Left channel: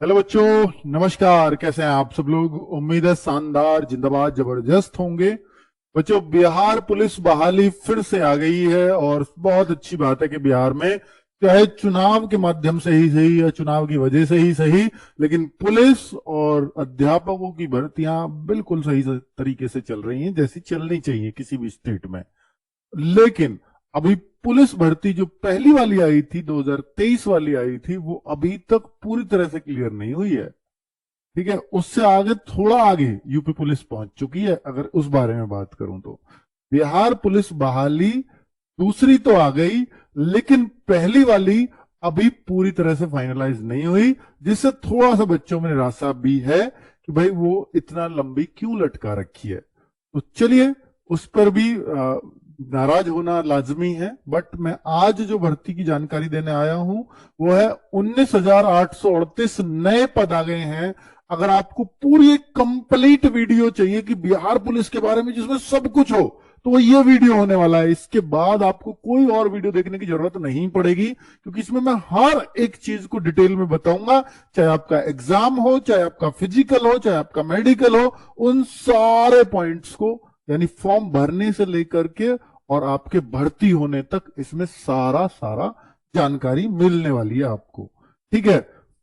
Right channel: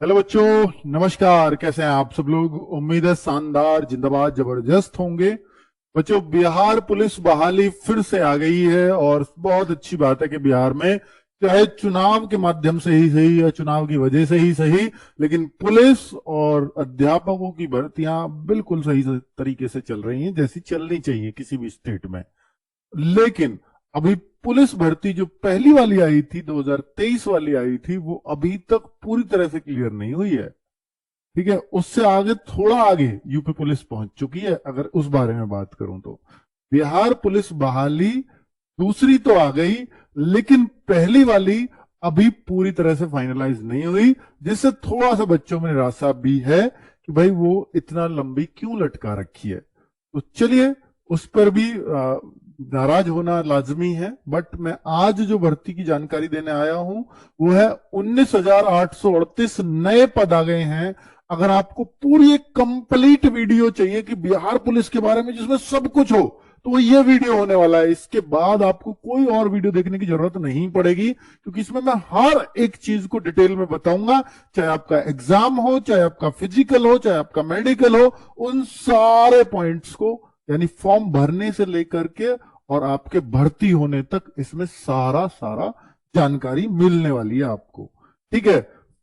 Hello बच्चों, नमस्कार। कैसे हैं आप सब लोग? उम्मीद है शानदार, जिंदाबाद, जबरदस्त होंगे। बच्चों, बिहार पुलिस बहाली फिर से आ गई है और बहुत अच्छी बात है कि बिहार में चाहे चुनाव के माध्यम से ही सही या चुनाव की वजह से ही सही, लेकिन पुलिस और अध्यापकों की भर्तियां बिल्कुल सही तरीके से चल रही हैं, जैसी चलनी चाहिए किसी भी स्टेट में। लेकिन अभी पुलिस भर्ती जो पहली वाली आई थी, 2023 वाली आई थी, वो अभी तक पूरी तरह से क्लियर नहीं हुई है। ठीक है, उससे आगे, थोड़ा आगे यूपी पुलिस पहुंच चुकी है। अगर उस बारे में बात करूं तो बिहार पुलिस बहाली दूसरी तो आ गई, लेकिन पहली वाली अभी पूरी तरह से फाइनलाइज नहीं हुई, जिससे थोड़ा सा बच्चों में निराशा भी है कि भाई वो इतना लंबी क्यों लटका रखी है। तो चलिए, उस पर भी नाराज होना लाजमी है। बट मैं आज जो भर्ती की जानकारी देने आया हूं वो है 19,838 नए पद आ गए हैं। अगर आपको पूरी एक कंप्लीट वीडियो चाहिए कि बिहार पुलिस के बारे में जिसमें सब कुछ हो, तो वो ये वीडियो होने वाला है। इसके बाद आपको कोई और वीडियो देखने की जरूरत नहीं पड़ेगी, क्योंकि इसमें मैं हर एक चीज को डिटेल में बताऊंगा। चाहे आपका एग्जाम हो, चाहे आपका फिजिकल हो, चाहे आपका मेडिकल हो, उन सारे पॉइंट्स को, यानी फॉर्म भरने से लेकर के और आपके भर्ती होने तक, इसमें सारा सारा जानकारी मिलने वाली है आपको। ठीक है,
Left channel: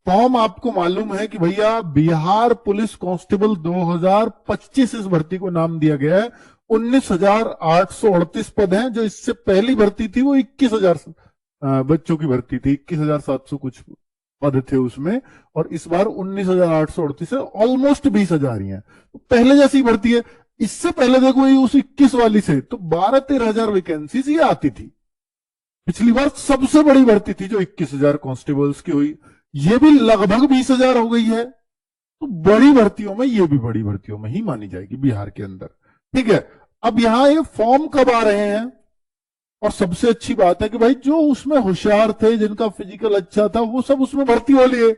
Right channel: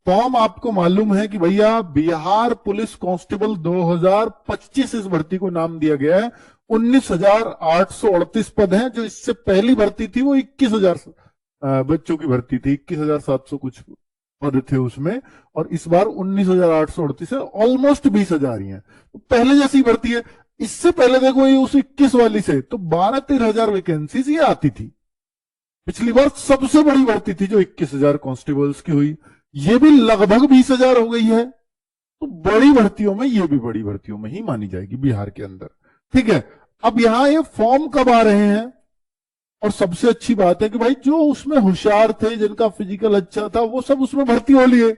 फॉर्म आपको मालूम है कि भैया बिहार पुलिस कांस्टेबल 2025 इस भर्ती को नाम दिया गया है। 19,838 पद हैं। जो इससे पहली भर्ती थी वो 21,000 बच्चों की भर्ती थी, 21,700 कुछ पद थे उसमें। और इस बार 19,838 है, ऑलमोस्ट 20,000 ही है। तो पहले जैसी भर्ती है। इससे पहले देखो, ये उस 21 वाली से तो 12-13 हजार वैकेंसीज ये आती थी। पिछली बार सबसे बड़ी भर्ती थी जो 21,000 कांस्टेबल्स की हुई, ये भी लगभग 20,000 हो गई है। तो बड़ी भर्तियों में, ये भी बड़ी भर्तियों में ही मानी जाएगी बिहार के अंदर। ठीक है, अब यहां ये फॉर्म कब आ रहे हैं? और सबसे अच्छी बात है कि भाई जो उसमें होशियार थे, जिनका फिजिकल अच्छा था, वो सब उसमें भर्ती हो लिए।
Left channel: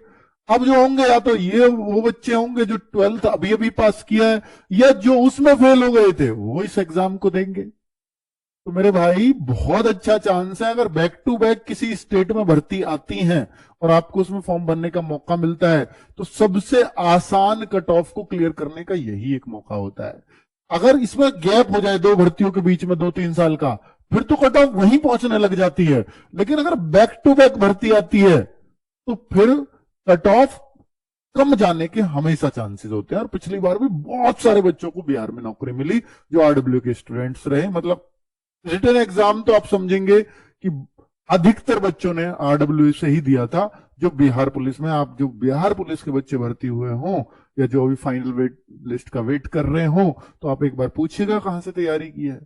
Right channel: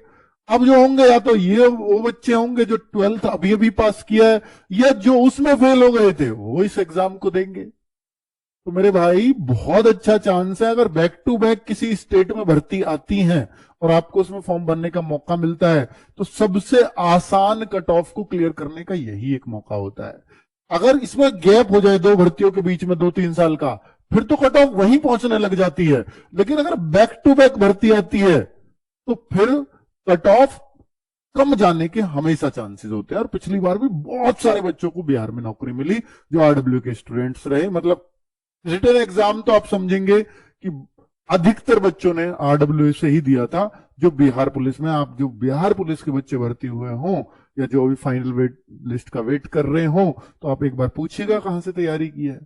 अब जो होंगे, या तो ये वो बच्चे होंगे जो 12th अभी अभी पास किया है, या जो उसमें फेल हो गए थे वो इस एग्जाम को देंगे। तो मेरे भाई, बहुत अच्छा चांस है। अगर बैक टू बैक किसी स्टेट में भर्ती आती है और आपको उसमें फॉर्म भरने का मौका मिलता है, तो सबसे आसान कट ऑफ को क्लियर करने का यही एक मौका होता है। अगर इसमें गैप हो जाए दो भर्तियों के बीच में 2-3 साल का, फिर तो कट ऑफ वहीं पहुंचने लग जाती है। लेकिन अगर बैक टू बैक भर्ती आती है, तो फिर कट ऑफ कम जाने के हमेशा चांसेस होते हैं। और पिछली बार भी बहुत सारे बच्चों को बिहार में नौकरी मिली जो आरडब्ल्यू के स्टूडेंट्स रहे। मतलब रिटन एग्जाम तो आप समझेंगे कि अधिकतर बच्चों ने आरडब्ल्यू से ही दिया था। जो बिहार पुलिस में, आप जो बिहार पुलिस के बच्चे भर्ती हुए हों या जो अभी फाइनल वेट लिस्ट का वेट कर रहे हो, तो आप एक बार पूछिएगा कहां से तैयारी की है।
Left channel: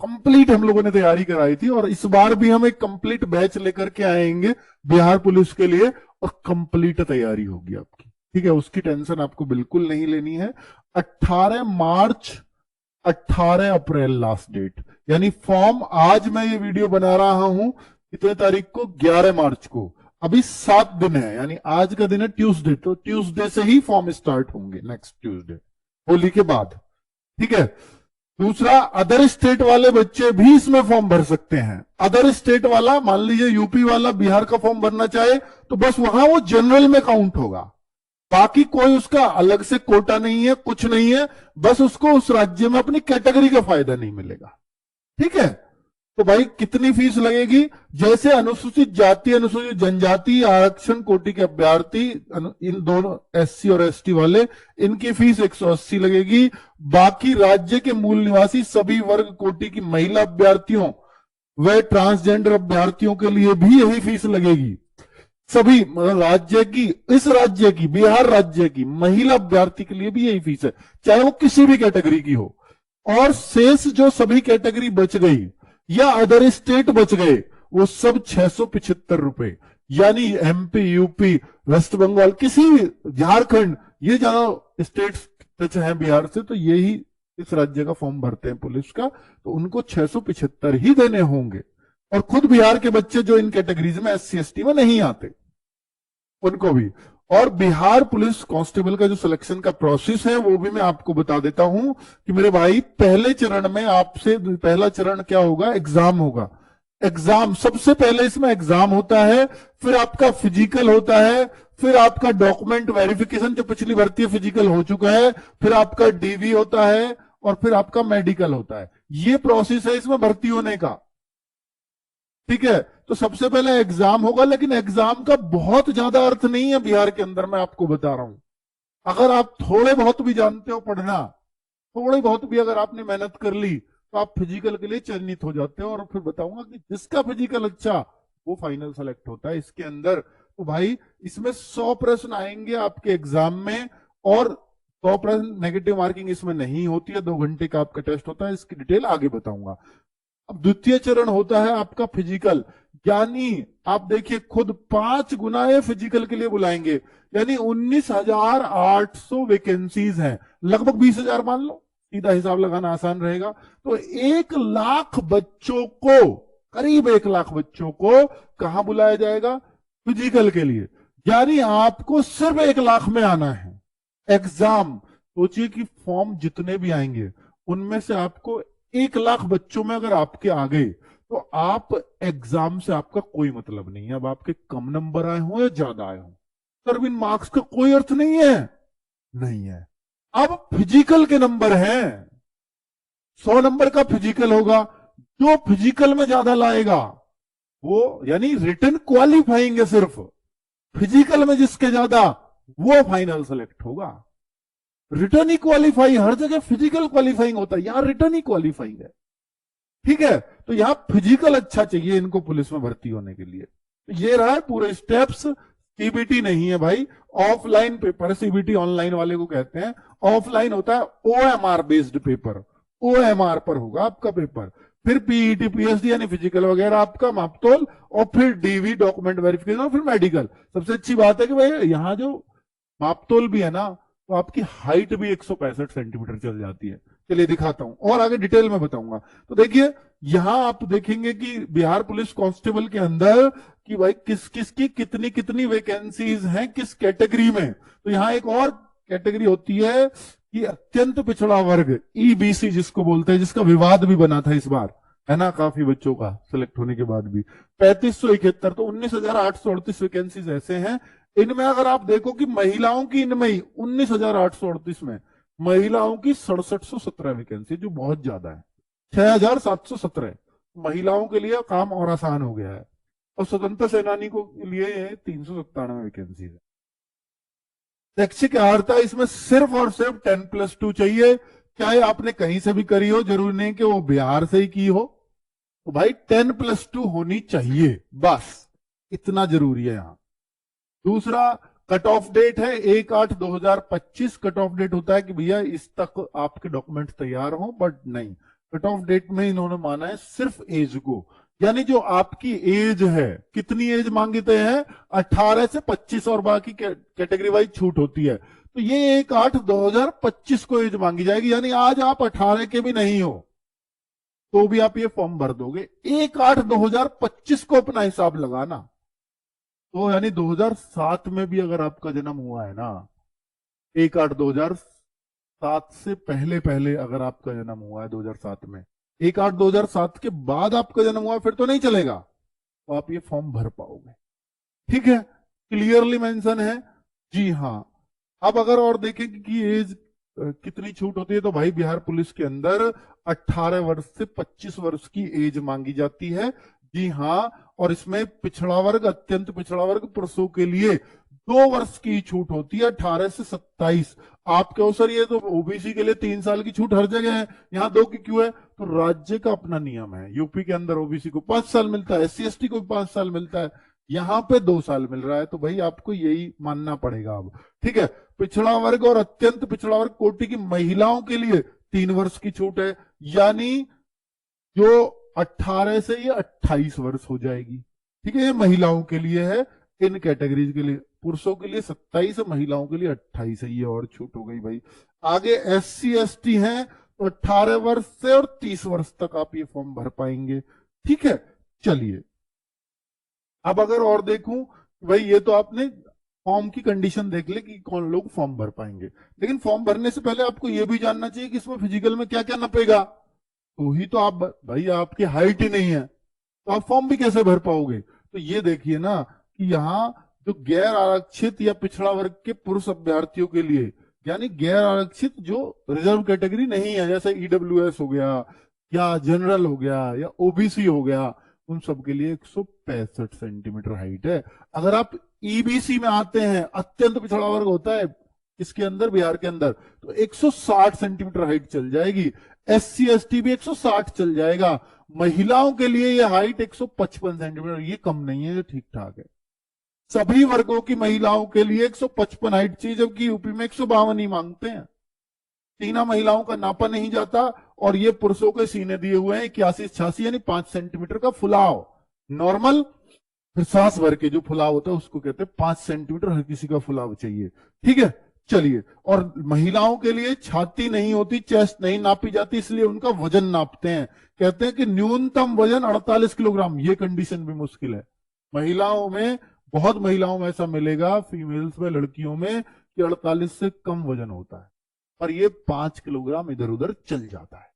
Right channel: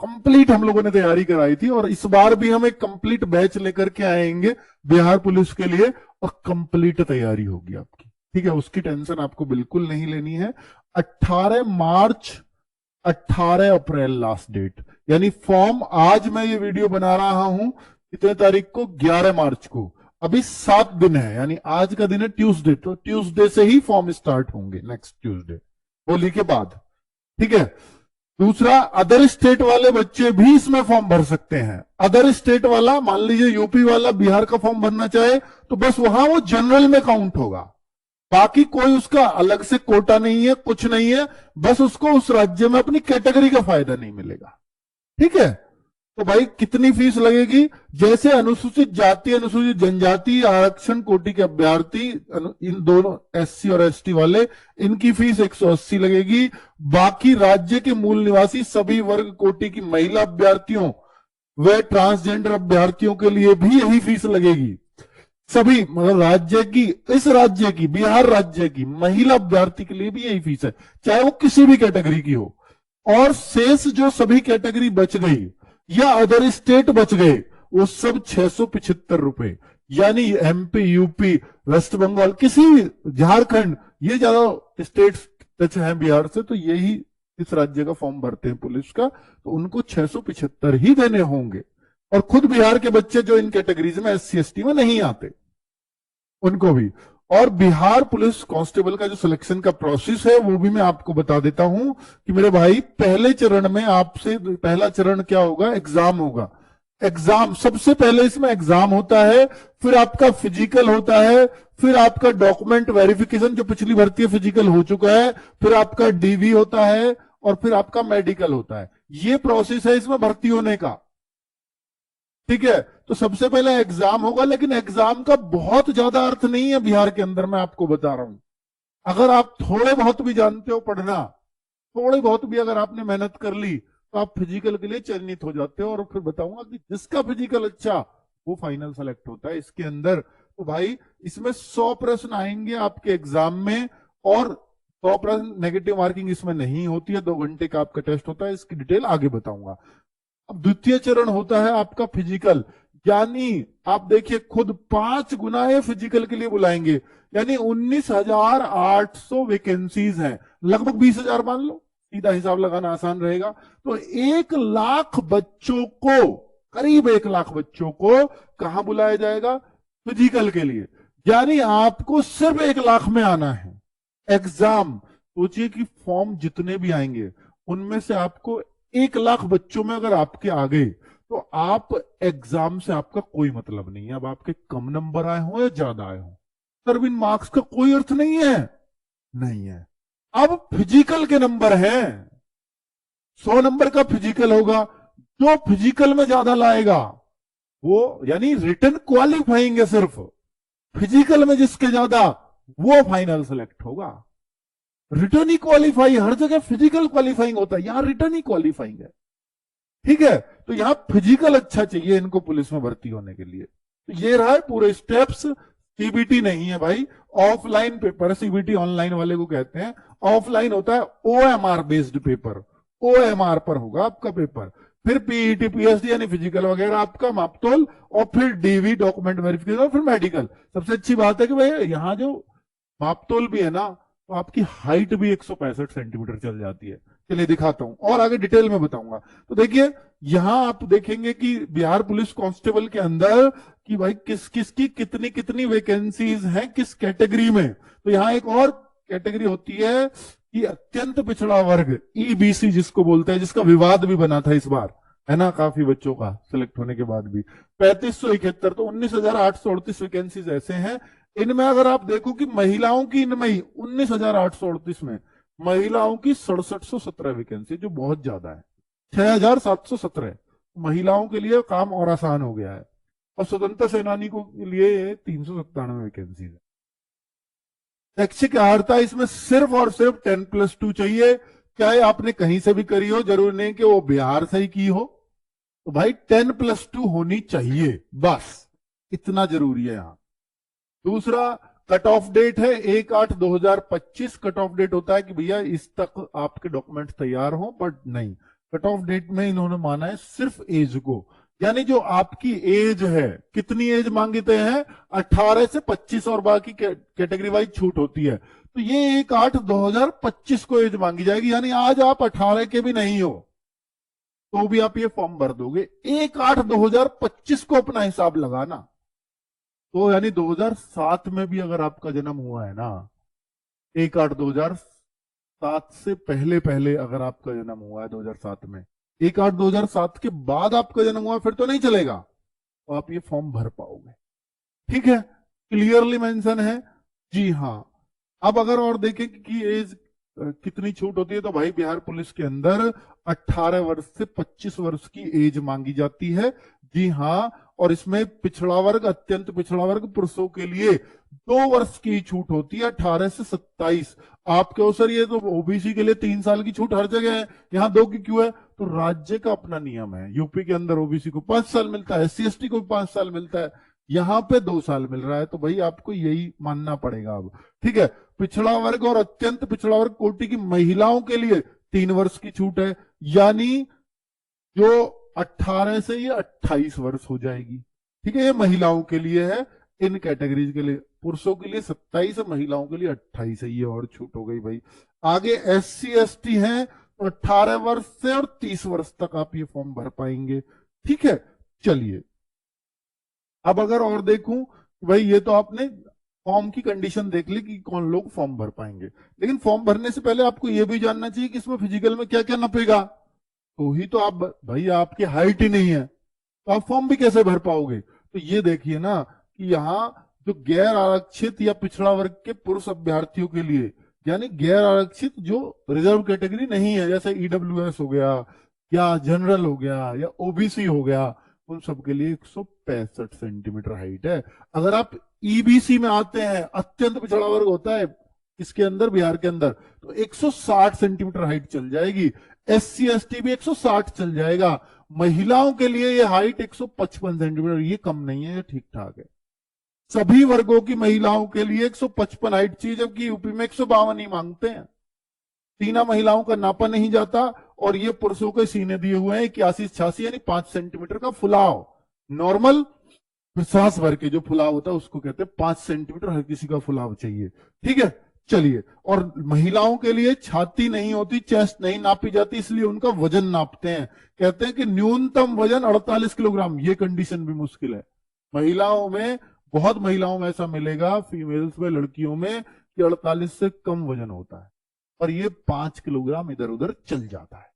कंप्लीट हम लोगों ने तैयारी कराई थी, और इस बार भी हम एक कंप्लीट बैच लेकर के आएंगे बिहार पुलिस के लिए, और कंप्लीट तैयारी होगी आपकी। ठीक है, उसकी टेंशन आपको बिल्कुल नहीं लेनी है। 18 मार्च, 18 अप्रैल लास्ट डेट। यानी फॉर्म, आज मैं ये वीडियो बना रहा हूं कितने तारीख को? 11 मार्च को। अभी 7 दिन है, यानी आज का दिन है ट्यूसडे, तो ट्यूसडे से ही फॉर्म स्टार्ट होंगे, नेक्स्ट ट्यूसडे, होली के बाद। ठीक है, दूसरा, अदर स्टेट वाले बच्चे भी इसमें फॉर्म भर सकते हैं। अदर स्टेट वाला, मान लीजिए यूपी वाला बिहार का फॉर्म भरना चाहे, तो बस वहां वो जनरल में काउंट होगा। बाकी कोई उसका अलग से कोटा नहीं है, कुछ नहीं है। बस उसको उस राज्य में अपनी कैटेगरी का फायदा नहीं मिलेगा। ठीक है, तो भाई कितनी फीस लगेगी? जैसे अनुसूचित जाति, अनुसूचित जनजाति, आरक्षण कोटि के अभ्यर्थी, इन दोनों एससी और एसटी वाले, इनकी फीस 180 लगेगी। बाकी राज्य के मूल निवासी सभी वर्ग कोटि की महिला अभ्यर्थियों व ट्रांसजेंडर अभ्यर्थियों के लिए भी यही फीस लगेगी। सभी, मतलब राज्य की, इस राज्य की, बिहार राज्य की महिला अभ्यर्थी के लिए भी यही फीस है, चाहे वो किसी भी कैटेगरी की हो। और शेष जो सभी कैटेगरी बच गई या अदर स्टेट बच गए, वो सब 675 रुपए। यानी एमपी, यूपी, वेस्ट बंगाल, किसी भी, झारखंड, ये ज्यादा स्टेट टच है बिहार से, तो यही इस राज्य का फॉर्म भरते हैं पुलिस का, तो उनको 675 ही देने होंगे। और खुद बिहार के बच्चे जो इन कैटेगरीज में, एससी एसटी में नहीं आते, उनको भी। और बिहार पुलिस कांस्टेबल का जो सिलेक्शन का प्रोसेस है, वो भी मैं आपको बता देता हूं कि मेरे भाई, पहले चरण में आपसे, पहला चरण क्या होगा? एग्जाम होगा। एग्जाम सबसे पहले, इसमें एग्जाम होता है, फिर आपका फिजिकल होता है, फिर आपका डॉक्यूमेंट वेरिफिकेशन, जो पिछली भर्ती फिजिकल हो चुका है, फिर आपका डीवी होता है, और फिर आपका मेडिकल होता है। ये प्रोसेस है इसमें भर्ती होने का। ठीक है, तो सबसे पहले एग्जाम होगा, लेकिन एग्जाम का बहुत ज्यादा अर्थ नहीं है बिहार के अंदर, मैं आपको बता रहा हूं। अगर आप थोड़े बहुत भी जानते हो पढ़ना, थोड़ी बहुत भी अगर आपने मेहनत कर ली, तो आप फिजिकल के लिए चयनित हो जाते हो। और फिर बताऊंगा कि जिसका फिजिकल अच्छा, वो फाइनल सेलेक्ट होता है इसके अंदर। तो भाई इसमें 100 प्रश्न आएंगे आपके एग्जाम में, और 100 प्रश्न नेगेटिव मार्किंग इसमें नहीं होती है। 2 घंटे का आपका टेस्ट होता है, इसकी डिटेल आगे बताऊंगा। अब द्वितीय चरण होता है आपका फिजिकल, यानी आप देखिए खुद 5 गुना ये फिजिकल के लिए बुलाएंगे, यानी 19,800 वैकेंसीज हैं, लगभग 20,000 मान लो, सीधा हिसाब लगाना आसान रहेगा। तो 1 लाख बच्चों को, करीब 1 लाख बच्चों को कहां बुलाया जाएगा? फिजिकल के लिए। यानी आपको सिर्फ 1 लाख में आना है एग्जाम। सोचिए कि फॉर्म जितने भी आएंगे, उनमें से आपको 1 लाख बच्चों में अगर आपके आ गए, तो आप एग्जाम से आपका कोई मतलब नहीं है। अब आपके कम नंबर आए हो या ज्यादा आए हो, सर इन मार्क्स का कोई अर्थ नहीं है, नहीं है। अब फिजिकल के नंबर हैं, 100 नंबर का फिजिकल होगा, जो फिजिकल में ज्यादा लाएगा वो, यानी रिटन क्वालिफाइंग है सिर्फ, फिजिकल में जिसके ज्यादा, वो फाइनल सेलेक्ट होगा। रिटर्न ही क्वालिफाई, हर जगह फिजिकल क्वालिफाइंग होता है, यहां रिटर्न ही क्वालिफाइंग है। ठीक है, तो यहां फिजिकल अच्छा चाहिए इनको पुलिस में भर्ती होने के लिए। तो ये रहा है पूरे स्टेप्स। सीबीटी नहीं है भाई, ऑफलाइन पेपर। सीबीटी ऑनलाइन वाले को कहते हैं, ऑफलाइन होता है ओएमआर बेस्ड पेपर, ओएमआर पर होगा आपका पेपर। फिर पीईटी पीएचडी यानी फिजिकल वगैरह आपका मापतोल, और फिर डीवी डॉक्यूमेंट वेरिफिकेशन, और फिर मेडिकल। सबसे अच्छी बात है कि भाई यहाँ जो मापतोल भी है ना, तो आपकी हाइट भी 165 सेंटीमीटर चल जाती है। चलिए दिखाता हूं और आगे डिटेल में बताऊंगा। तो देखिए यहां आप देखेंगे कि बिहार पुलिस कांस्टेबल के अंदर कि भाई किस किस की कितनी कितनी वैकेंसीज हैं किस कैटेगरी में। तो यहां एक और कैटेगरी होती है कि अत्यंत पिछड़ा वर्ग, ईबीसी जिसको बोलते हैं, जिसका विवाद भी बना था इस बार, है ना, काफी बच्चों का सिलेक्ट होने के बाद भी 3571। तो 19,838 वैकेंसीज ऐसे हैं। इनमें अगर आप देखो कि महिलाओं की, इनमें ही 19,838 में महिलाओं की 6717 वैकेंसी, जो बहुत ज्यादा है। 6,717 महिलाओं के लिए काम और आसान हो गया है, और स्वतंत्रता सेनानी को के लिए 397 वैकेंसी है। शैक्षिक अर्हता इसमें सिर्फ और सिर्फ 10+2 चाहिए, चाहे आपने कहीं से भी करी हो, जरूरी नहीं कि वो बिहार से ही की हो। तो भाई 10+2 होनी चाहिए, बस इतना जरूरी है यहां। दूसरा कट ऑफ डेट है 1/8/2025। कट ऑफ डेट होता है कि भैया इस तक आपके डॉक्यूमेंट तैयार हो, बट नहीं, कट ऑफ डेट में इन्होंने माना है सिर्फ एज को, यानी जो आपकी एज है, कितनी एज मांगते हैं? 18 से 25, और बाकी कैटेगरी वाइज छूट होती है। तो ये 1/8/2025 को एज मांगी जाएगी, यानी आज आप 18 के भी नहीं हो तो भी आप ये फॉर्म भर दोगे। 1/8/2025 को अपना हिसाब लगाना। तो यानी 2007 में भी अगर आपका जन्म हुआ है ना, 1/8/2007 से पहले पहले अगर आपका जन्म हुआ है 2007 में, 1/8/2007 के बाद आपका जन्म हुआ फिर तो नहीं चलेगा, तो आप ये फॉर्म भर पाओगे। ठीक है, क्लियरली मेंशन है। जी हाँ। अब अगर और देखें कि एज कितनी छूट होती है, तो भाई बिहार पुलिस के अंदर 18 वर्ष से 25 वर्ष की एज मांगी जाती है। जी हाँ, और इसमें पिछड़ा वर्ग, अत्यंत पिछड़ा वर्ग पुरुषों के लिए 2 वर्ष की छूट होती है, 18 से 27। आप क्यों सर, ये तो ओबीसी के लिए 3 साल की छूट हर जगह है, यहाँ 2 की क्यों है? तो राज्य का अपना नियम है। यूपी के अंदर ओबीसी को 5 साल मिलता है, SC ST को भी 5 साल मिलता है, यहाँ पे 2 साल मिल रहा है। तो भाई आपको यही मानना पड़ेगा अब। ठीक है, पिछड़ा वर्ग और अत्यंत पिछड़ा वर्ग कोटि की महिलाओं के लिए 3 वर्ष की छूट है, यानी जो 18 से ये 28 वर्ष हो जाएगी। ठीक है, ये महिलाओं के लिए है, इन कैटेगरीज के लिए। पुरुषों के लिए 27 है, महिलाओं के लिए 28 है, ये और छूट हो गई भाई। आगे SC ST है तो 18 वर्ष से और 30 वर्ष तक आप ये फॉर्म भर पाएंगे। ठीक है, चलिए अब अगर और देखूं, भाई ये तो आपने फॉर्म की कंडीशन देख ली कि कौन लोग फॉर्म भर पाएंगे, लेकिन फॉर्म भरने से पहले आपको यह भी जानना चाहिए कि इसमें फिजिकल में क्या क्या नपेगा। तो ही तो आप, भाई आपकी हाइट ही नहीं है तो आप फॉर्म भी कैसे भर पाओगे? तो ये देखिए ना कि यहाँ जो गैर आरक्षित या पिछड़ा वर्ग के पुरुष अभ्यर्थियों के लिए, यानी गैर आरक्षित जो रिजर्व कैटेगरी नहीं है, जैसे ईडब्ल्यूएस हो गया या जनरल हो गया या ओबीसी हो गया, उन सब के लिए 165 सेंटीमीटर हाइट है। अगर आप ईबीसी में आते हैं, अत्यंत पिछड़ा वर्ग होता है इसके अंदर, बिहार के अंदर, तो 160 सेंटीमीटर हाइट चल जाएगी। एससी एसटी भी 160 चल जाएगा। महिलाओं के लिए ये हाइट 155 सेंटीमीटर, ये कम नहीं है, ये ठीक ठाक है। सभी वर्गों की महिलाओं के लिए 155 हाइट चाहिए, जबकि यूपी में 152 ही मांगते हैं। सीना महिलाओं का नापा नहीं जाता, और ये पुरुषों के सीने दिए हुए हैं 81-86, यानी 5 सेंटीमीटर का फुलाव। नॉर्मल सांस भर के जो फुलाव होता है उसको कहते हैं 5 सेंटीमीटर हर किसी का फुलाव चाहिए। ठीक है, चलिए। और महिलाओं के लिए छाती नहीं होती, चेस्ट नहीं नापी जाती, इसलिए उनका वजन नापते हैं। कहते हैं कि न्यूनतम वजन 48 किलोग्राम। ये कंडीशन भी मुश्किल है। महिलाओं में, बहुत महिलाओं में ऐसा मिलेगा, फीमेल्स में, लड़कियों में, कि 48 से कम वजन होता है, और ये 5 किलोग्राम इधर उधर चल जाता है।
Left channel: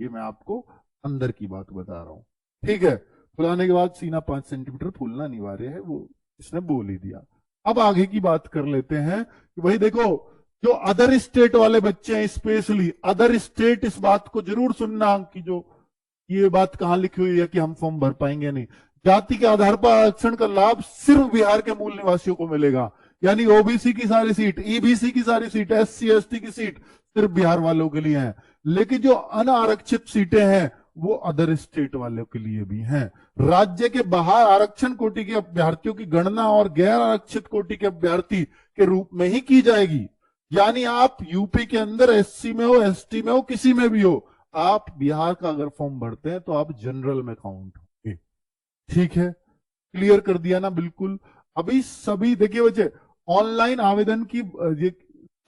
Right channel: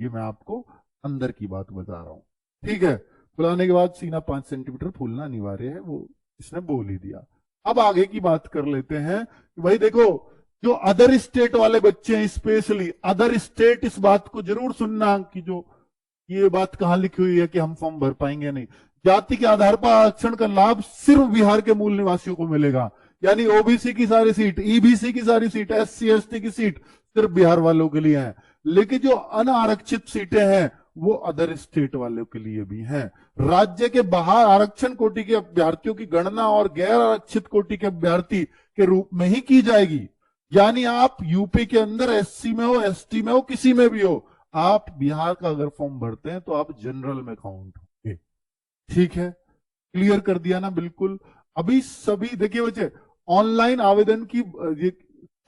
ये मैं आपको अंदर की बात बता रहा हूं। ठीक है, फुलाने के बाद सीना 5 सेंटीमीटर फूलना अनिवार्य है, वो इसने बोल ही दिया। अब आगे की बात कर लेते हैं कि भाई देखो, जो अदर स्टेट वाले बच्चे हैं, स्पेशली अदर स्टेट, इस बात को जरूर सुनना कि जो ये बात कहां लिखी हुई है कि हम फॉर्म भर पाएंगे नहीं। जाति के आधार पर आरक्षण का लाभ सिर्फ बिहार के मूल निवासियों को मिलेगा, यानी ओबीसी की सारी सीट, ईबीसी की सारी सीट, एससी एसटी की सीट सिर्फ बिहार वालों के लिए है। लेकिन जो अनारक्षित सीटें हैं वो अदर स्टेट वालों के लिए भी हैं। राज्य के बाहर आरक्षण कोटि के अभ्यर्थियों की गणना और गैर आरक्षित कोटि के अभ्यर्थी के रूप में ही की जाएगी। यानी आप यूपी के अंदर एससी में हो, एसटी में हो, किसी में भी हो, आप बिहार का अगर फॉर्म भरते हैं तो आप जनरल में काउंट होंगे। ठीक है, क्लियर कर दिया ना? बिल्कुल। अभी सभी देखिए बच्चे, ऑनलाइन आवेदन की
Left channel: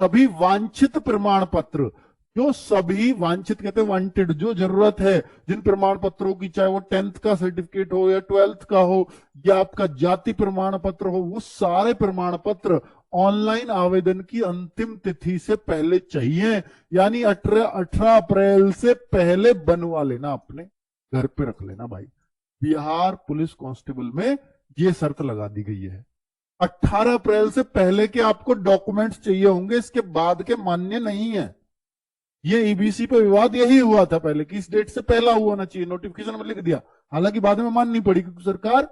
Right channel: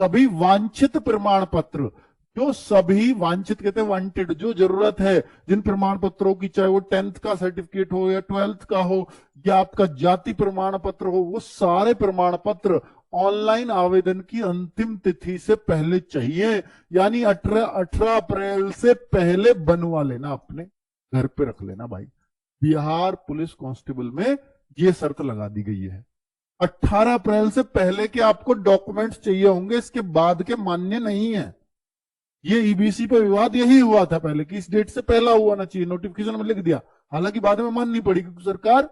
सभी वांछित प्रमाण पत्र, जो सभी वांछित कहते हैं वांटेड, जो जरूरत है, जिन प्रमाण पत्रों की, चाहे वो 10th का सर्टिफिकेट हो या 12th का हो या आपका जाति प्रमाण पत्र हो, वो सारे प्रमाण पत्र ऑनलाइन आवेदन की अंतिम तिथि से पहले चाहिए। यानी 18 अप्रैल से पहले बनवा लेना, अपने घर पे रख लेना भाई। बिहार पुलिस कांस्टेबल में ये शर्त लगा दी गई है, 18 अप्रैल से पहले के आपको डॉक्यूमेंट्स चाहिए होंगे, इसके बाद के मान्य नहीं है। ये ईबीसी पे विवाद यही हुआ था पहले कि इस डेट से पहला हुआ ना चाहिए, नोटिफिकेशन में लिख दिया, हालांकि बाद में माननी पड़ी क्योंकि सरकार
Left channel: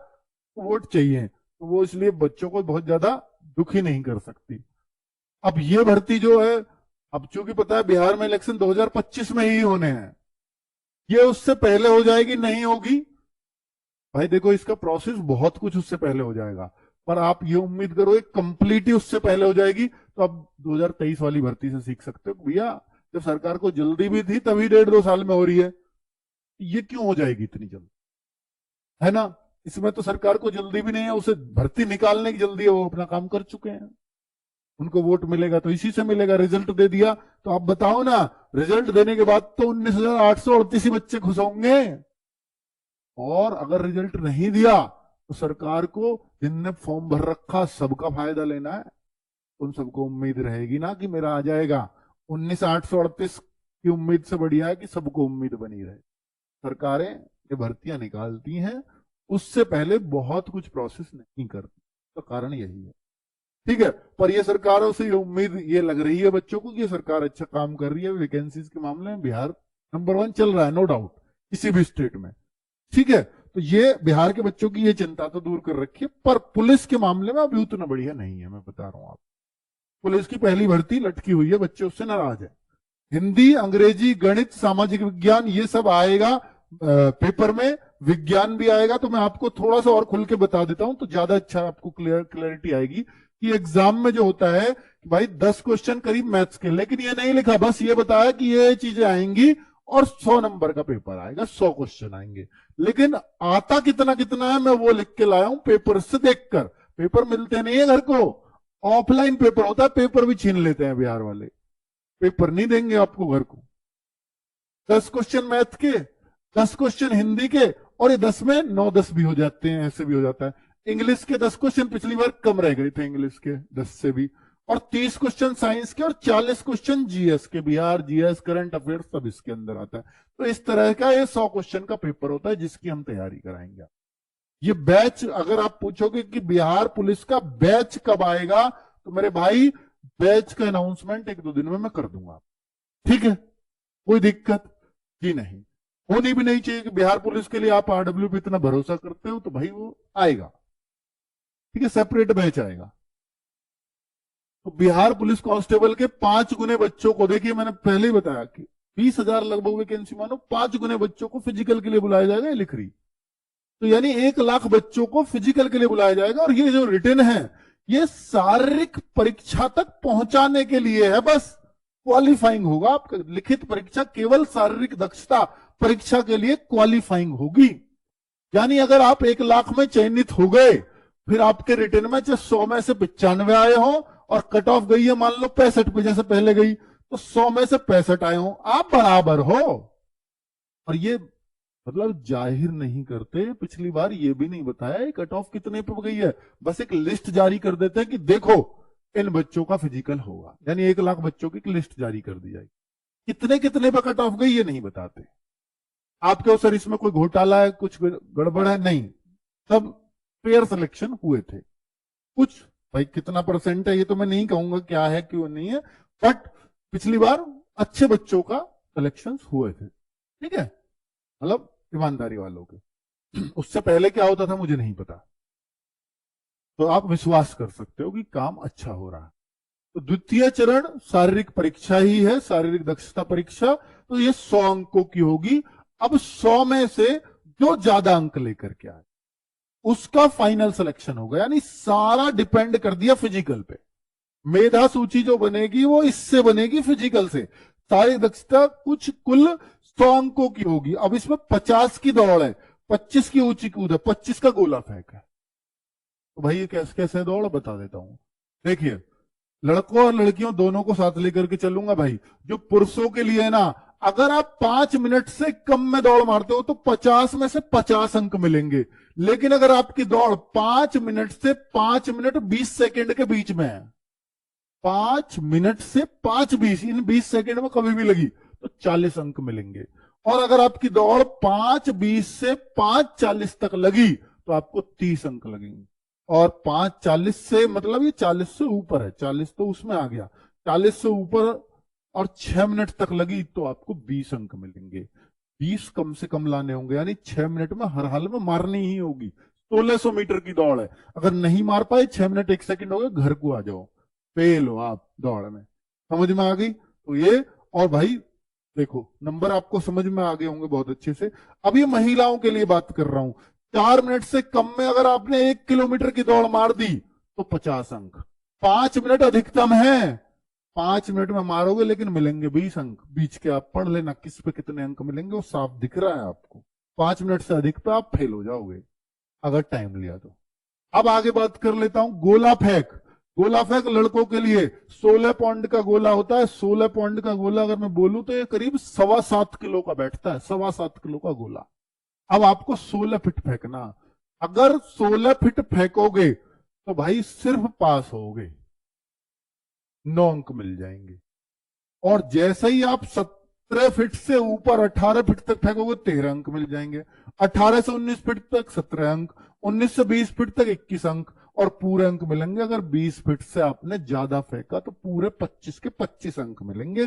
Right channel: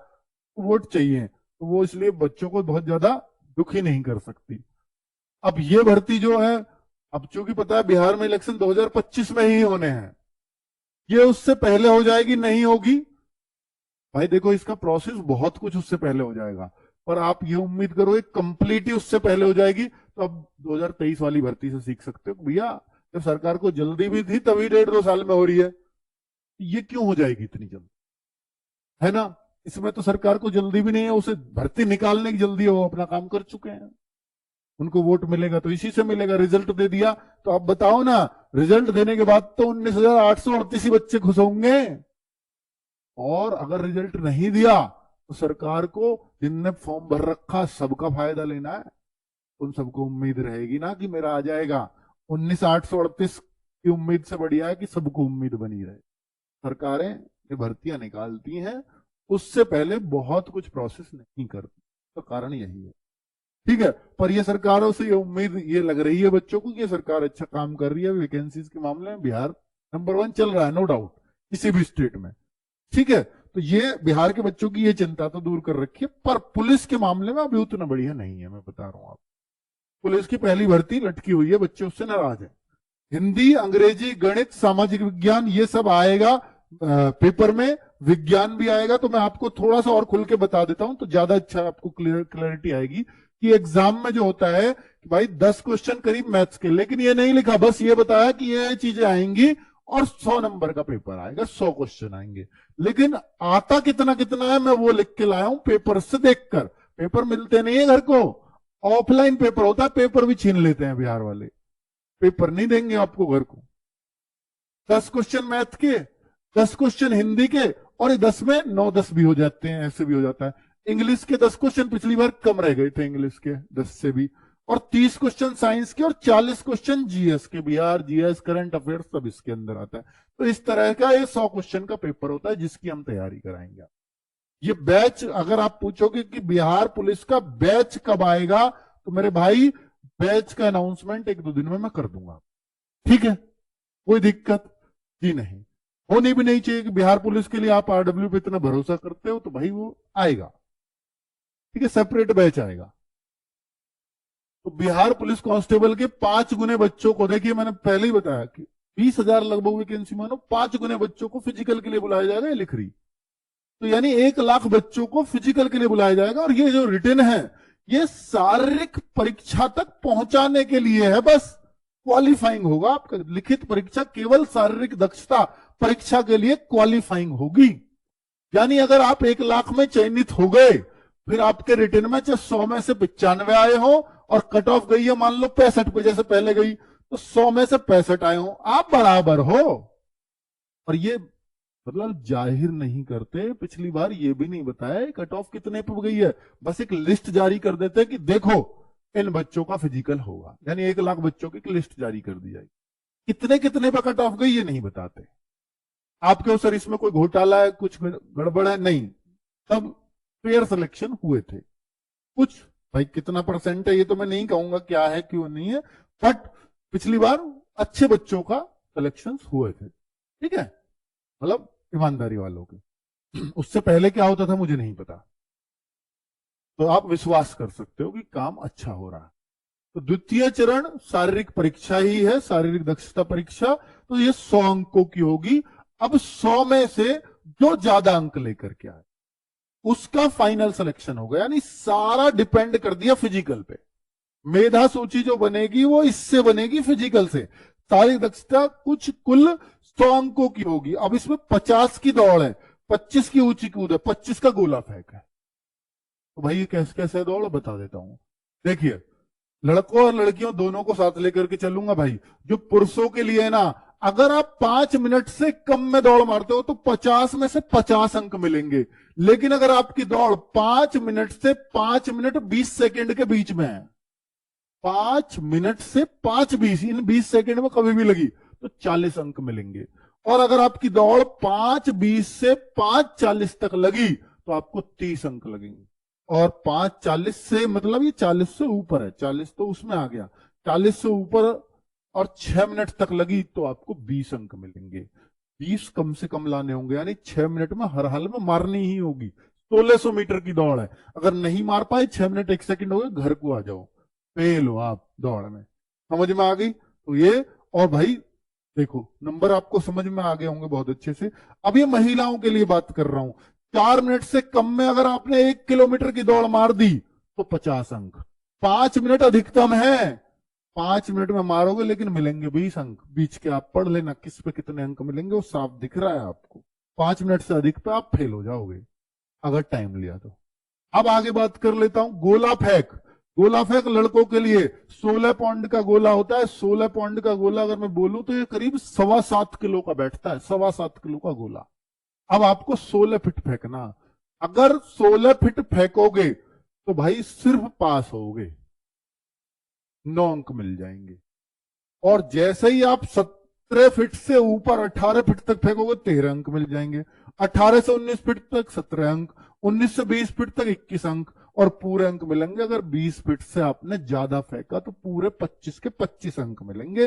वोट चाहिए, तो वो इसलिए बच्चों को बहुत ज्यादा दुखी नहीं कर सकती। अब ये भर्ती जो है, अब चूंकि पता है बिहार में इलेक्शन 2025 में ही होने हैं, ये उससे पहले हो जाएगी नहीं होगी भाई देखो, इसका प्रोसेस बहुत कुछ उससे पहले हो जाएगा, पर आप ये उम्मीद करो कंप्लीट ही उससे पहले हो जाएगी। तो अब 2023 वाली भर्ती से सीख सकते हो भैया, जब सरकार को जल्दी भी थी तभी 1.5-2 साल में हो रही है, ये क्यों हो जाएगी इतनी जल्दी, है ना? इसमें तो सरकार को जल्दी भी नहीं है, उसे भर्ती निकालने की जल्दी है, वो अपना काम कर चुके हैं। उनको वोट मिलेगा तो इसी से मिलेगा। रिजल्ट दे दिया तो आप बताओ ना, रिजल्ट देने के बाद तो 19,838 ही बच्चे खुश होंगे, और अगर रिजल्ट नहीं दिया तो सरकार को, जिनने फॉर्म भर रखा, सबका फायदा लेना है। उन सबको उम्मीद रहेगी ना कि मेरा आ जाएगा। 19,838 की उम्मीद से बढ़िया है कि सबको उम्मीद बनी रहे। सरकारें ये भर्तियां निकालती हैं, उससे पहले बहुत कुछ प्रोसेस नहीं करती, तो कारण यही है। ठीक है, पर ये सरकारों से ये उम्मीद ये लग रही है बच्चों को कि ये सरकार अच्छा काम कर रही है। वैकेंसीज के मामले में बिहार नंबर 1 चल रहा है, नो डाउट, किसी भी स्टेट में। ठीक है, तो ये बिहार के बच्चों की ये चिंता तो दूर कर रखी है, पर पुलिस के मामले में अभी उतना बढ़िया नहीं है। मैं बता रहा हूं आप, पुलिस की पहली भर्ती लटकी हुई है, बच्चे उससे नाराज है। हिंदी, अंग्रेजी, गणित, सामाजिक विज्ञान, ये सब आएगा पेपर में, विज्ञान भी आएगा। तो मैं आपको थोड़ा सा और खुल के बता देता हूं तो ज्यादा अच्छा आपको क्लैरिटी आएगी कि एग्जाम में जो होता है कि भाई 10 क्वेश्चन करीब मैथ्स के, लेकिन ये नहीं लिखा, बस ये बताया कि ये चीजें आएंगी और 100 नंबर का पेपर आएगा, 100 क्वेश्चन आएंगे। लेकिन आता कितना कितना है मैं वो लिख के लाया हूं पेपर से देखकर। पेपर मिलते नहीं है घर को, ऑफलाइन पेपर होता है, पेपर भी छीन लेते हैं बिहार वाले, पेपर नहीं देंगे आपको घर को। 10 क्वेश्चन मैथ के, 10 क्वेश्चन हिंदी के, और ये 10 में 9-10 भी हो जाते हैं, ऐसे भी हो जाता है। इंग्लिश के 10 क्वेश्चन पिछली बार कम रह गए थे, इंग्लिश के 10 से भी, और 30 क्वेश्चन साइंस के, और 40 क्वेश्चन जीएस के, बिहार जीएस, करंट अफेयर्स सब इसके अंदर आता है। तो इस तरह का ये 100 क्वेश्चन का पेपर होता है जिसकी हम तैयारी कराएंगे। ये बैच अगर आप पूछोगे कि बिहार पुलिस का बैच कब आएगा, तो मेरे भाई बैच का अनाउंसमेंट 1-2 दिन में मैं कर दूंगा। ठीक है, कोई दिक्कत ही नहीं, होनी भी नहीं चाहिए कि बिहार पुलिस के लिए आप आरडब्ल्यू पे इतना भरोसा करते हो, तो भाई वो आएगा। ठीक है, सेपरेट बैच आएगा। तो बिहार पुलिस कांस्टेबल के 5 गुने बच्चों को, देखिए मैंने पहले ही बताया कि 20,000 लगभग वैकेंसी मानो, 5 गुने बच्चों को फिजिकल के लिए बुलाया जाएगा, ये लिख रही। तो यानी 1 लाख बच्चों को फिजिकल के लिए बुलाया जाएगा, और ये जो रिटन है ये शारीरिक परीक्षा तक पहुंचाने के लिए है, बस क्वालिफाइंग होगा। आपका लिखित परीक्षा केवल शारीरिक दक्षता परीक्षा के लिए क्वालिफाइंग होगी। यानी अगर आप 1 लाख में चयनित हो गए, फिर आपके रिटर्न में चाहे 100 में से 95 आए हो, और कट ऑफ गई है मान लो 65 पे, जैसे पहले गई, तो 100 में से 65 आए हो, आप बराबर हो। और ये मतलब जाहिर नहीं करते, पिछली बार ये भी नहीं बताया कट ऑफ कितने पे गई है, बस एक लिस्ट जारी कर देते हैं कि देखो इन बच्चों का फिजिकल होगा, यानी 1 लाख बच्चों की लिस्ट जारी कर दी जाएगी। कितने कितने पे कट ऑफ गई ये नहीं बताते। आपके ऊपर इसमें कोई घोटाला है, कुछ गड़बड़ है, नहीं, तब फेयर सिलेक्शन हुए थे। कुछ भाई कितना परसेंट है ये तो मैं नहीं कहूंगा क्या है क्यों नहीं है, बट पिछली बार अच्छे बच्चों का सिलेक्शन हुए थे। ठीक है, मतलब ईमानदारी वालों के। उससे पहले क्या होता था मुझे नहीं पता, तो आप विश्वास कर सकते हो कि काम अच्छा हो रहा है। तो द्वितीय चरण शारीरिक परीक्षा ही है, शारीरिक दक्षता परीक्षा, तो ये 100 अंकों की होगी। अब 100 में से जो ज्यादा अंक लेकर के आए उसका फाइनल सिलेक्शन होगा, यानी सारा डिपेंड कर दिया फिजिकल पे। मेधा सूची जो बनेगी वो इससे बनेगी, फिजिकल से। शारीरिक दक्षता कुछ कुल 100 अंकों की होगी। अब इसमें 50 की दौड़ है, 25 की ऊंची कूद है, 25 का गोला फेंक है। तो भाई ये कैसे कैसे दौड़ बता देता हूं। देखिए, लड़कों और लड़कियों दोनों को साथ लेकर के चलूंगा भाई। जो पुरुषों के लिए है ना, अगर आप 5 मिनट से कम में दौड़ मारते हो तो 50 में से 50 अंक मिलेंगे। लेकिन अगर आपकी दौड़ 5 मिनट से 5 मिनट 20 सेकंड के बीच में है, 5 मिनट से 5:20, इन 20 सेकंड में कभी भी लगी तो 40 अंक मिलेंगे। और अगर आपकी दौड़ 5:20 से 5:40 तक लगी तो आपको 30 अंक लगेंगे। और 5:40 से मतलब ये 40 से ऊपर है, 40 तो उसमें आ गया, 40 से ऊपर और 6 मिनट तक लगी तो आपको 20 अंक मिलेंगे। 20 कम से कम लाने होंगे, यानी 6 मिनट में हर हाल में मारनी ही होगी। 1600 मीटर की दौड़ है, अगर नहीं मार पाए 6 मिनट 1 सेकंड हो गए, घर को आ जाओ, फेल हो आप दौड़ में। समझ में आ गई? तो ये, और भाई देखो नंबर आपको समझ में आ गए होंगे बहुत अच्छे से। अब ये महिलाओं के लिए बात कर रहा हूं। 4 मिनट से कम में अगर आपने 1 किलोमीटर की दौड़ मार दी तो 50 अंक। 5 मिनट अधिकतम है, 5 मिनट में मारोगे लेकिन मिलेंगे 20 अंक। बीच के आप पढ़ लेना किस पे कितने अंक मिलेंगे, वो साफ दिख रहा है आपको। 5 मिनट से अधिक पे आप फेल हो जाओगे अगर टाइम लिया तो। अब आगे बात कर लेता हूं गोला फेंक। गोला फेंक लड़कों के लिए 16 पाउंड का गोला होता है। 16 पाउंड का गोला अगर मैं बोलूं तो ये करीब 7.25 किलो का बैठता है, 7.25 किलो का गोला। अब आपको 16 फीट फेंकना, अगर 16 फीट फेंकोगे तो भाई सिर्फ पास होगे, 9 अंक मिल जाएंगे। और जैसे ही आप 17 फीट से ऊपर 18 फीट तक फेंकोगे 13 अंक मिल जाएंगे। 18 से 19 फीट तक 17 अंक, 19 से 20 फीट तक 21 अंक, और पूरे अंक मिलेंगे। अगर 20 फीट से आपने ज्यादा फेंका तो पूरे 25 के 25 अंक मिलेंगे।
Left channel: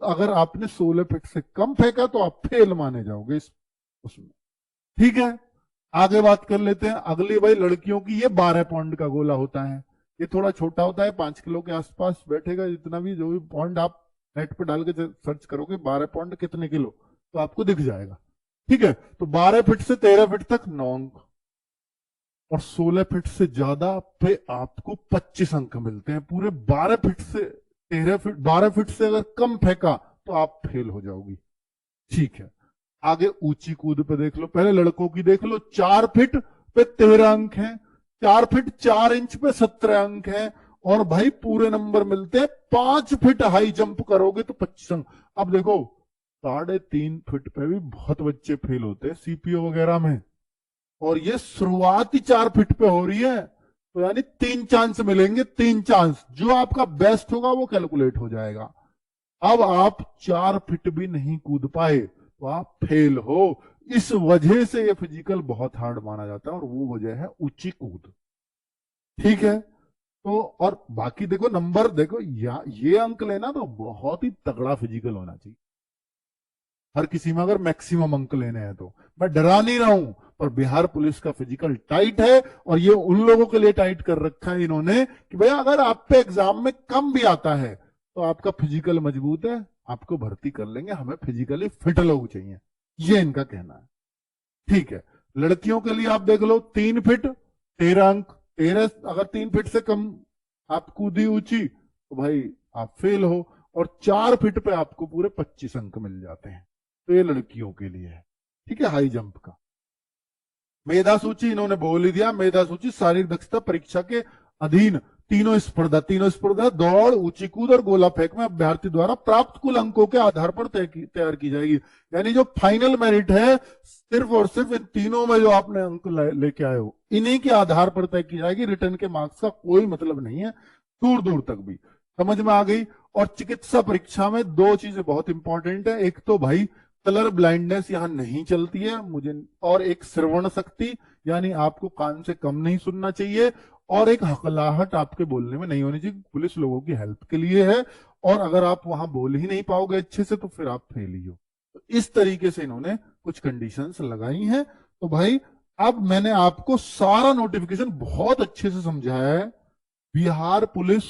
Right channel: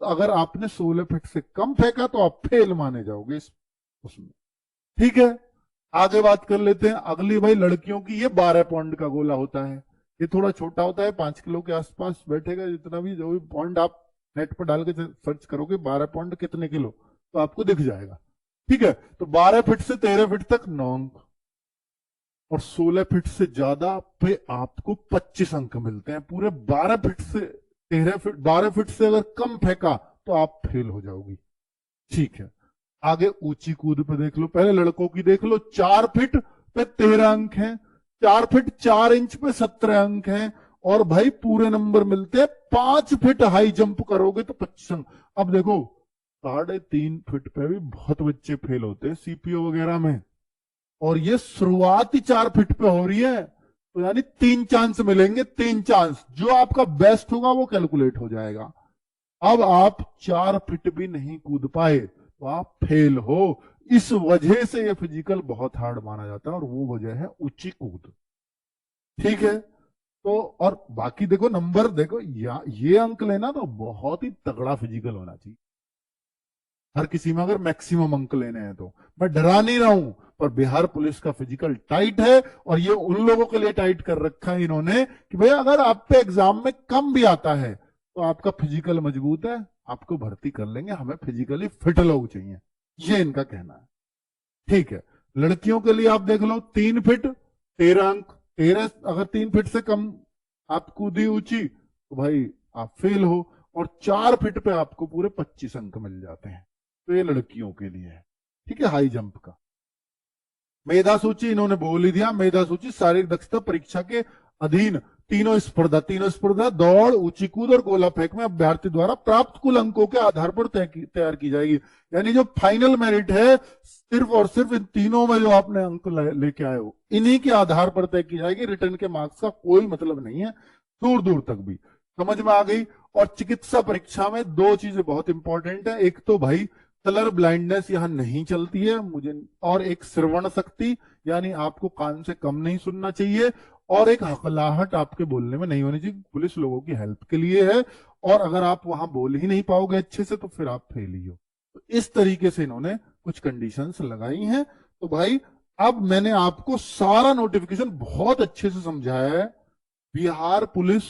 अगर आपने 16 फीट से कम फेंका तो आप फेल माने जाओगे उसमें। ठीक है, आगे बात कर लेते हैं अगली भाई लड़कियों की। ये 12 पाउंड का गोला होता है, ये थोड़ा छोटा होता है, 5 किलो के आसपास बैठेगा। जितना भी जो भी पॉइंट आप नेट पर डाल के सर्च करोगे 12 पाउंड कितने किलो, तो आपको दिख जाएगा। ठीक है, तो 12 फीट से 13 फीट तक 9 अंक, और 16 फीट से ज्यादा पे आपको 25 अंक मिलते हैं। पूरे 12 फीट से 13 फीट, 12 फीट से अगर कम फेंका तो आप फेल हो जाओगी। ठीक है, आगे ऊंची कूद पे देख लो। पहले लड़कों की देख लो। 4 फीट पे 13 अंक हैं, 4 फीट 4 इंच पे 17 अंक हैं, और भाई पूरे नंबर मिलते हैं। 5 फीट हाई जंप करोगे तो 25 अंक। अब देखो 3.5 फीट पे भी बहुत बच्चे फेल होते हैं सीपीओ वगैरह में, और ये शुरुआती 4 फीट पे हो रही है, तो यानी 3 चांस मिलेंगे। 3 चांस, जो आपका बेस्ट होगा वो कैलकुलेट हो जाएगा। अब आप 4 फीट भी नहीं कूद पाए तो आप फेल हो। इस वजह से ये फिजिकल बहुत हार्ड माना जाता है, और वो वजह है ऊंची कूद। ठीक है, तो और बाकी देखो नंबर देखो, ये अंक लेना तो बहुत ही तगड़ा फिजिकल होना चाहिए हर किसी में, अगर मैक्सिमम अंक लेने हैं तो। मैं डरा नहीं रहा हूं, पर बिहार पुलिस का फिजिकल टाइट है, और ये उन लोगों के लिए टाइट कर रखा है इन्होंने कि भाई अगर आप पे एग्जाम में कम भी आता है तो आपका फिजिकल मजबूत है, आपको भर्ती कर लेंगे, हमें फिजिकली फिट लोग चाहिए, ये इनका कहना है। ठीक है, लड़कियों के लिए आप देख लो, 3 फीट 13 अंक, 13, अगर 3 फीट से कम आप कूदी ऊंची तो भाई आप फेल हो, और 4 फीट पे आपको पूरे 25 अंक मिल जाते हैं। तो ये लड़कियों के लिए है। ठीक है, हाई जंप का। मेधा सूची इन्होंने बोल ही दिया, मेधा सूची शारीरिक दक्षता परीक्षा के अधीन तीनों स्पर्धा दौड़, ऊंची कूद और गोला फेंक में अभ्यर्थी द्वारा प्राप्त कुल अंकों के आधार पर तैयार की जाएगी। यानी जो फाइनल मेरिट है सिर्फ और सिर्फ इन तीनों में जो आपने अंक लेके आए हो, इन्हीं के आधार पर तय की जाएगी। रिटर्न के मार्क्स का कोई मतलब नहीं है दूर दूर तक भी। समझ में आ गई। और चिकित्सा परीक्षा में 2 चीजें बहुत इंपॉर्टेंट है, एक तो भाई कलर ब्लाइंडनेस यहां नहीं चलती है मुझे, और एक श्रवण शक्ति, यानी आपको कान से कम नहीं सुनना चाहिए, और एक हकलाहट आपके बोलने में नहीं होनी चाहिए। पुलिस लोगों की हेल्प के लिए है, और अगर आप वहां बोल ही नहीं पाओगे अच्छे से तो फिर आप फेल ही हो। तो इस तरीके से इन्होंने कुछ कंडीशंस लगाई हैं। तो भाई अब मैंने आपको सारा नोटिफिकेशन बहुत अच्छे से समझाया है। बिहार पुलिस,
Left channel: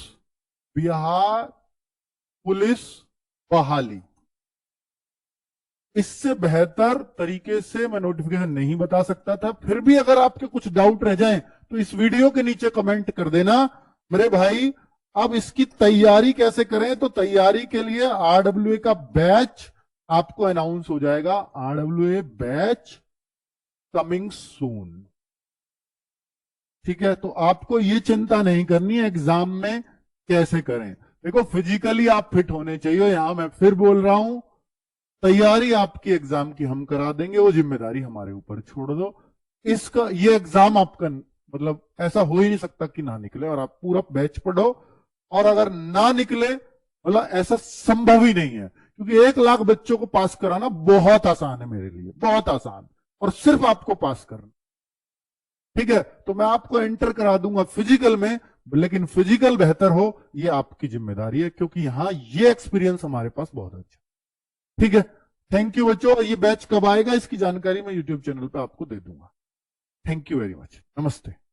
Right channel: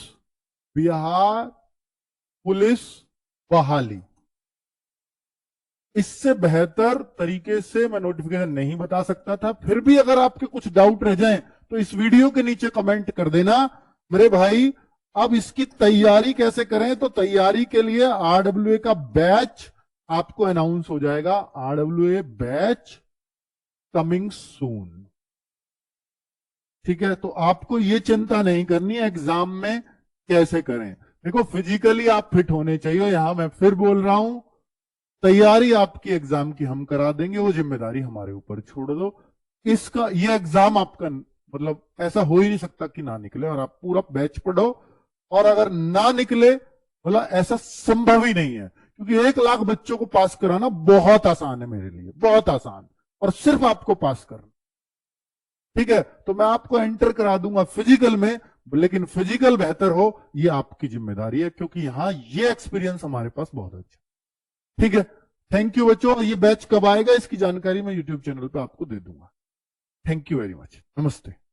बिहार पुलिस बहाली, इससे बेहतर तरीके से मैं नोटिफिकेशन नहीं बता सकता था। फिर भी अगर आपके कुछ डाउट रह जाएं तो इस वीडियो के नीचे कमेंट कर देना मेरे भाई। अब इसकी तैयारी कैसे करें, तो तैयारी के लिए आरडब्ल्यूए का बैच आपको अनाउंस हो जाएगा, आरडब्ल्यूए बैच कमिंग सून। ठीक है, तो आपको ये चिंता नहीं करनी है एग्जाम में कैसे करें। देखो फिजिकली आप फिट होने चाहिए, यहां मैं फिर बोल रहा हूं, तैयारी आपकी एग्जाम की हम करा देंगे, वो जिम्मेदारी हमारे ऊपर छोड़ दो। इसका ये एग्जाम आपका मतलब ऐसा हो ही नहीं सकता कि ना निकले, और आप पूरा बैच पढ़ो, और अगर ना निकले मतलब ऐसा संभव ही नहीं है, क्योंकि 1 लाख बच्चों को पास कराना बहुत आसान है मेरे लिए, बहुत आसान, और सिर्फ आपको पास करना। ठीक है, तो मैं आपको एंटर करा दूंगा फिजिकल में, लेकिन फिजिकल बेहतर हो ये आपकी जिम्मेदारी है, क्योंकि यहां ये एक्सपीरियंस हमारे पास बहुत अच्छा। ठीक है, थैंक यू बच्चों। और ये बैच कब आएगा इसकी जानकारी मैं यूट्यूब चैनल पे आपको दे दूंगा। थैंक यू वेरी मच, नमस्ते।